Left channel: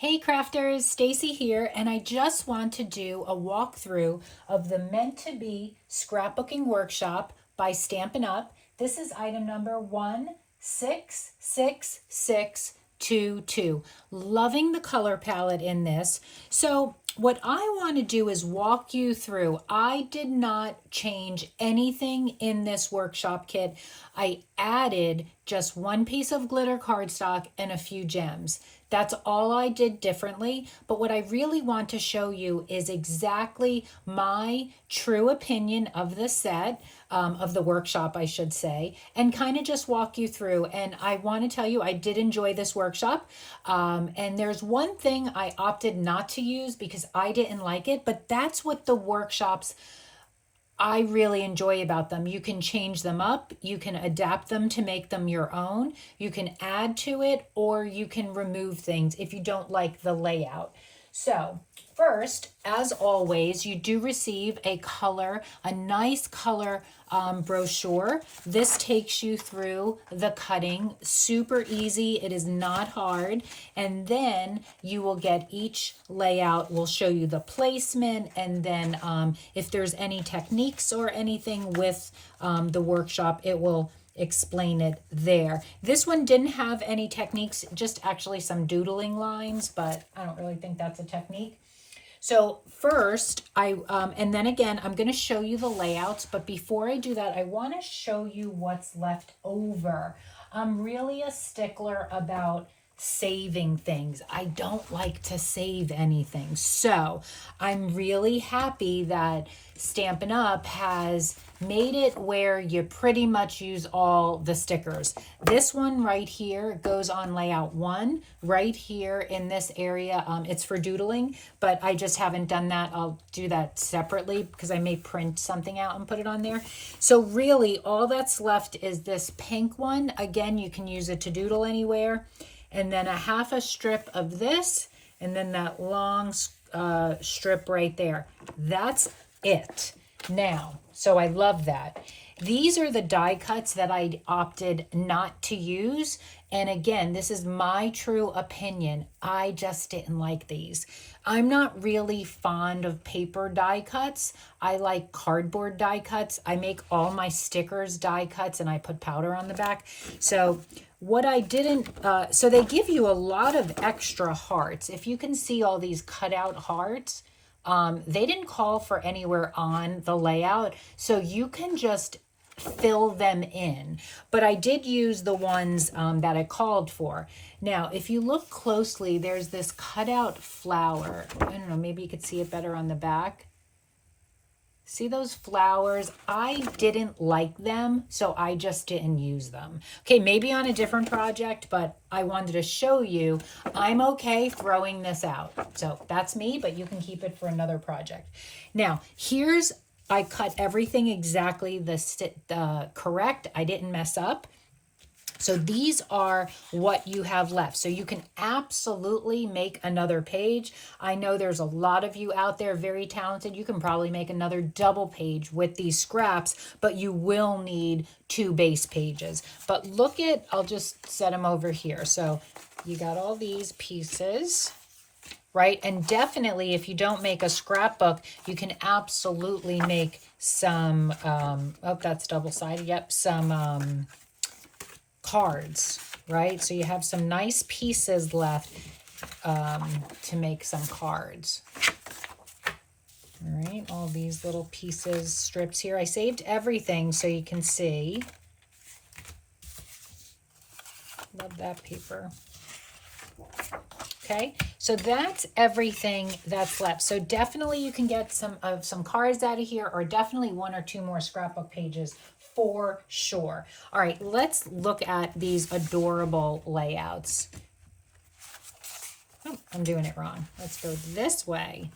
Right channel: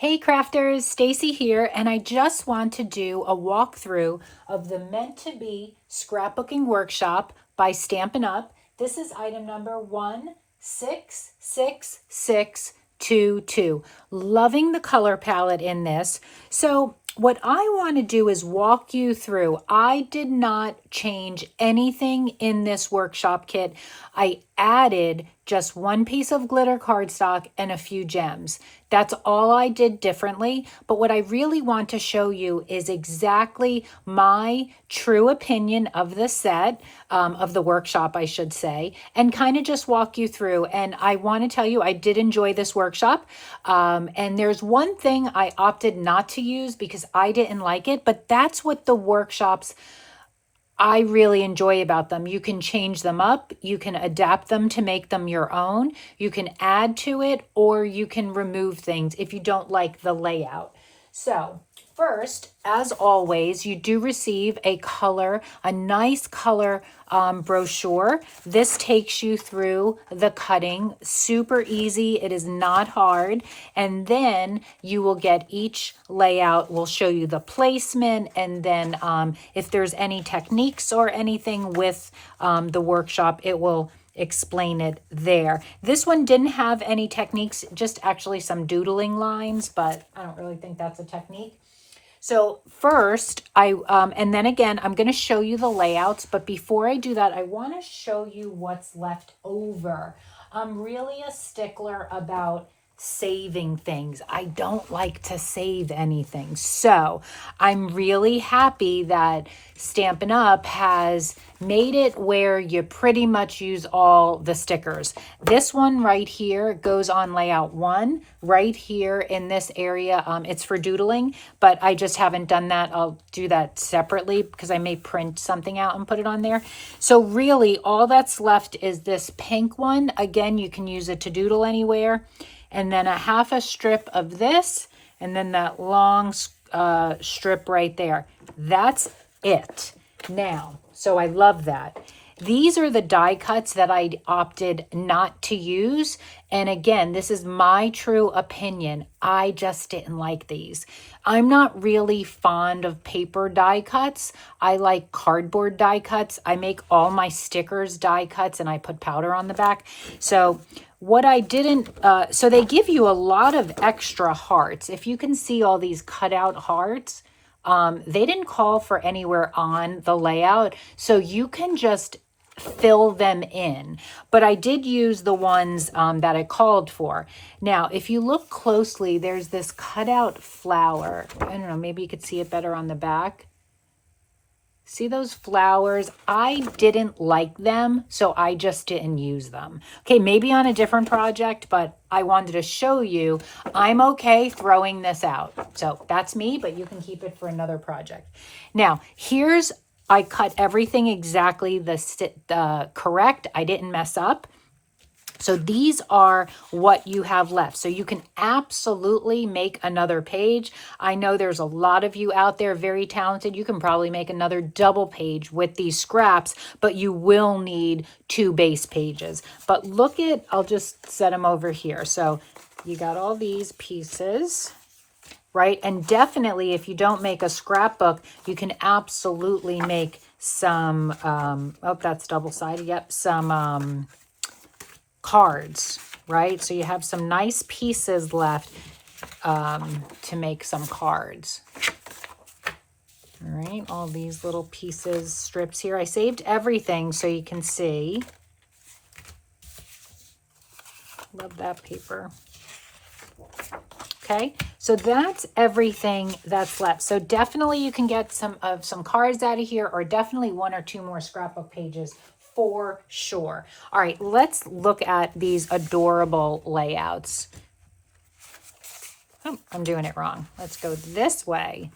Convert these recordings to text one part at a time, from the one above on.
Hey crafters, Stacy here, and I just want to do a walkthrough of the Meant to Be Scrapbooking Workshop by Stampin' Up. This is item number 1666622. Loving the color palette in this. So what I want to do is walk you through. I did not change anything in this workshop kit. I added just one piece of glitter cardstock and a few gems. That's all I did differently. But what I really want to show you is exactly my true opinion of the set, of the workshop, I should say, and kind of just walk you through. And I want to tell you, I did enjoy this workshop. And there's one thing I opted not to use because I didn't like it, but that's what the workshops I really enjoy about them. You can change them up, you can adapt them to make them your own, you can add to it, or you can remove things if you don't like the layout. So first, as always, you do receive a nice color brochure. This takes you through the cutting, super easy. It is not hard. And then you will get each layout. We'll show you the placement. And then if there's any techniques or anything with the workshop, it will explain it there. This one didn't have any techniques, just actually some doodling lines, but I don't really think that's a technique. So first, and then again, I'm going to show you the layouts, but before I do that, I want to show you what's left over. I'm really a stickler about saving things. I don't like to save anything. So I'm really happy that Stampin' Up has made it where you pretty much use all the stickers. This one right here goes on layout 1 right here in this area. It's for doodling, but I just haven't done that. I'll do that separately because I may print something out and put it on there. So really all that's left is this pink one. Again, you can use it to doodle anywhere. And then a half a strip of this, and then that long strip right there. That's it. Now, so I love that. These are the die cuts that I opted not to use. And again, this is my true opinion. I just didn't like these. I'm not really fond of paper die cuts. I like cardboard die cuts. I make all my stickers die cuts and I put powder on the back. So what I didn't, so they give you a lot of extra hearts. If you can see all these cut out hearts, they didn't call for anywhere on the layout, so you can just fill them in. But I did use the ones that I called for. Now, if you look closely, there's this cutout flower. I don't know, maybe you could see it better on the back. See those flowers? I didn't like them, so I just didn't use them. Okay, maybe on a different project, but I wanted to show you I'm okay throwing this out. So that's me, but you can keep it for another project. Now, I cut everything exactly the correct. I didn't mess up. So these are what you have left. So you can absolutely make another page. I know there's a lot of you out there very talented. You can probably make another double page with these scraps, but you will need 2 base pages. But look at, I'll just set them over here. So you got all these pieces, right? And definitely if you don't make a scrapbook, you can absolutely make some, oh, that's double-sided. Yep, some, cards, right? So you have some nice pieces left to make some cards. All right, all these little pieces, strips here. I saved everything so you can see. Love that paper. Okay, so that's everything that's left. So definitely you can get some cards out of here, or definitely 1 or 2 more scrapbook pages for sure. All right, let's look at these adorable layouts. Oh, I'm doing it wrong. Let's go this way.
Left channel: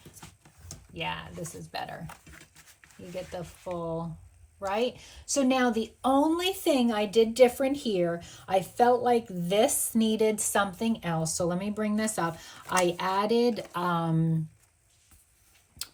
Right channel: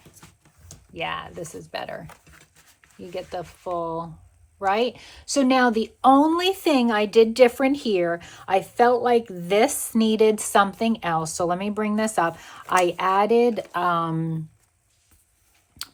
Yeah, this is better. You get the full, right? So now the only thing I did different here, I felt like this needed something else. So let me bring this up. I added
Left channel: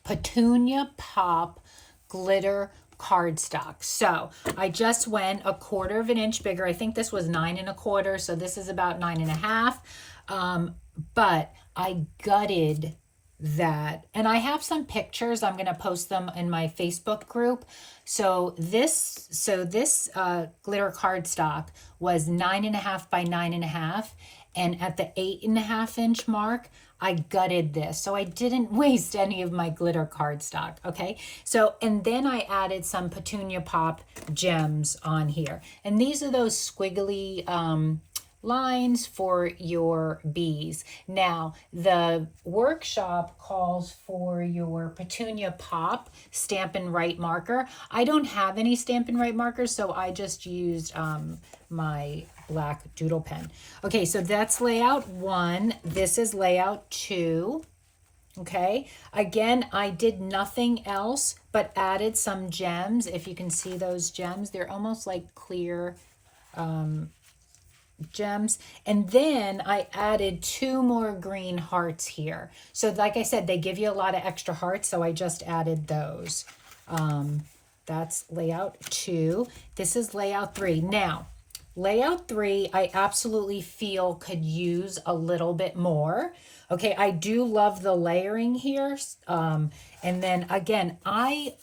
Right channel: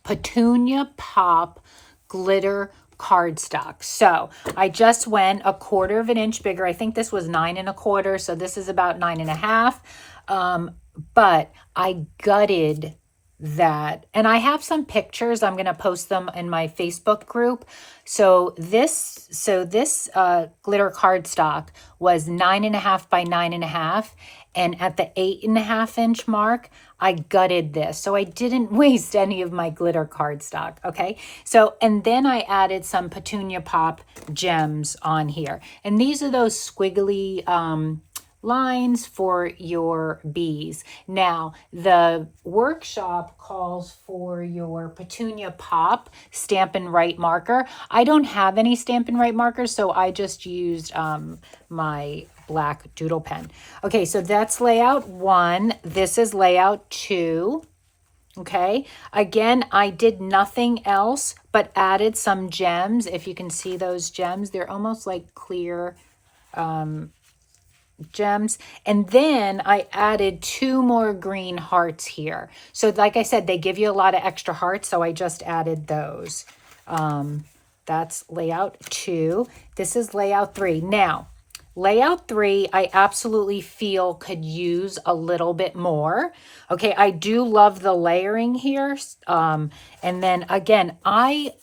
Petunia Pop glitter cardstock. So I just went 1/4 inch bigger. I think this was 9 1/4, so this is about 9 1/2. But I gutted that. And I have some pictures. I'm going to post them in my Facebook group. So this glitter cardstock was 9.5 by 9.5. And at the 8.5 inch mark, I gutted this. So I didn't waste any of my glitter cardstock. Okay. So, and then I added some Petunia Pop gems on here. And these are those squiggly, lines for your bees. Now, the workshop calls for your Petunia Pop Stampin' Write marker. I don't have any Stampin' Write markers, so I just used my black doodle pen. Okay, so that's layout 1. This is layout 2. Okay, again, I did nothing else but added some gems. If you can see those gems, they're almost like clear gems. And then I added 2 more green hearts here. So like I said, they give you a lot of extra hearts, so I just added those. That's layout 2. This is layout 3. Now, layout 3, I absolutely feel could use a little bit more. Okay, I do love the layering here. And then again, I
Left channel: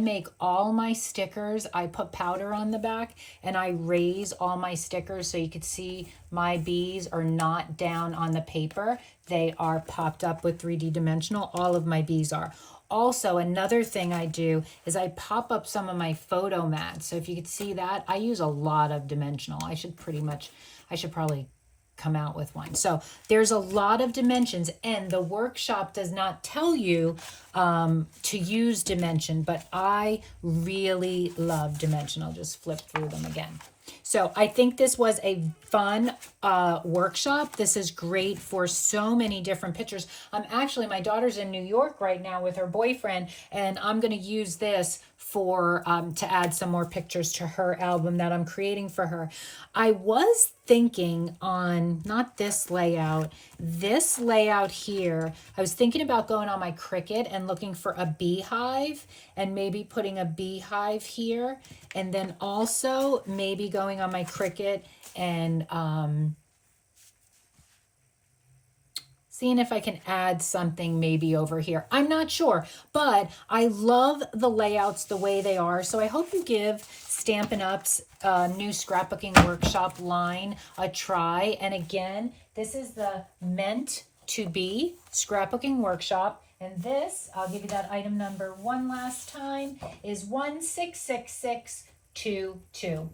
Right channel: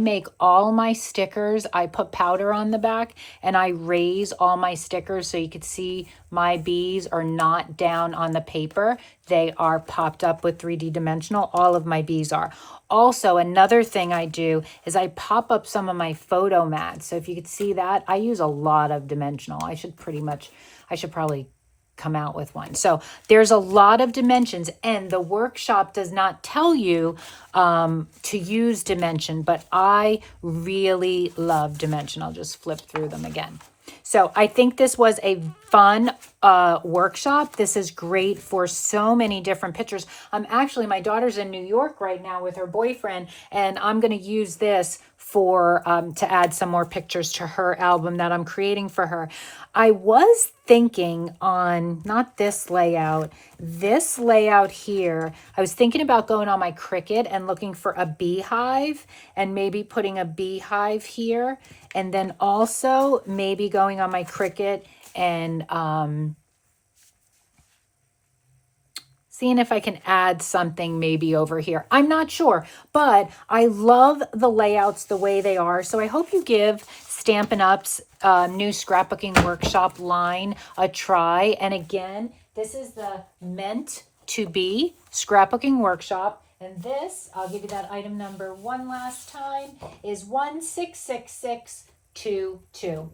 make all my stickers, I put powder on the back and I raise all my stickers so you could see my bees are not down on the paper. They are popped up with 3D dimensional. All of my bees are. Also, another thing I do is I pop up some of my photo mats. So if you could see that, I use a lot of dimensional. I should probably come out with one. So there's a lot of dimensions, and the workshop does not tell you to use dimension, but I really love dimension. I'll just flip through them again. So I think this was a fun workshop. This is great for so many different pictures. Actually, my daughter's in New York right now with her boyfriend, and I'm going to use this for to add some more pictures to her album that I'm creating for her. I was thinking on, not this layout here, I was thinking about going on my Cricut and looking for a beehive and maybe putting a beehive here. And then also maybe going on my Cricut and seeing if I can add something maybe over here. I'm not sure, but I love the layouts the way they are. So I hope you give Stampin' Up's new scrapbooking workshop line a try. And again, this is the Meant to Be scrapbooking workshop. And this, I'll give you that item number one last time, is 166622.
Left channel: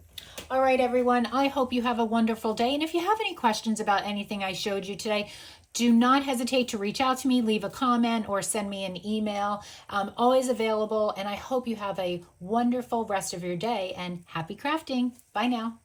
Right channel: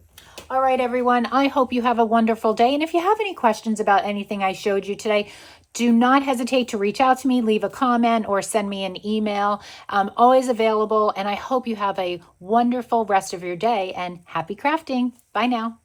All right, everyone, I hope you have a wonderful day. And if you have any questions about anything I showed you today, do not hesitate to reach out to me, leave a comment, or send me an email. I'm always available, and I hope you have a wonderful rest of your day, and happy crafting. Bye now.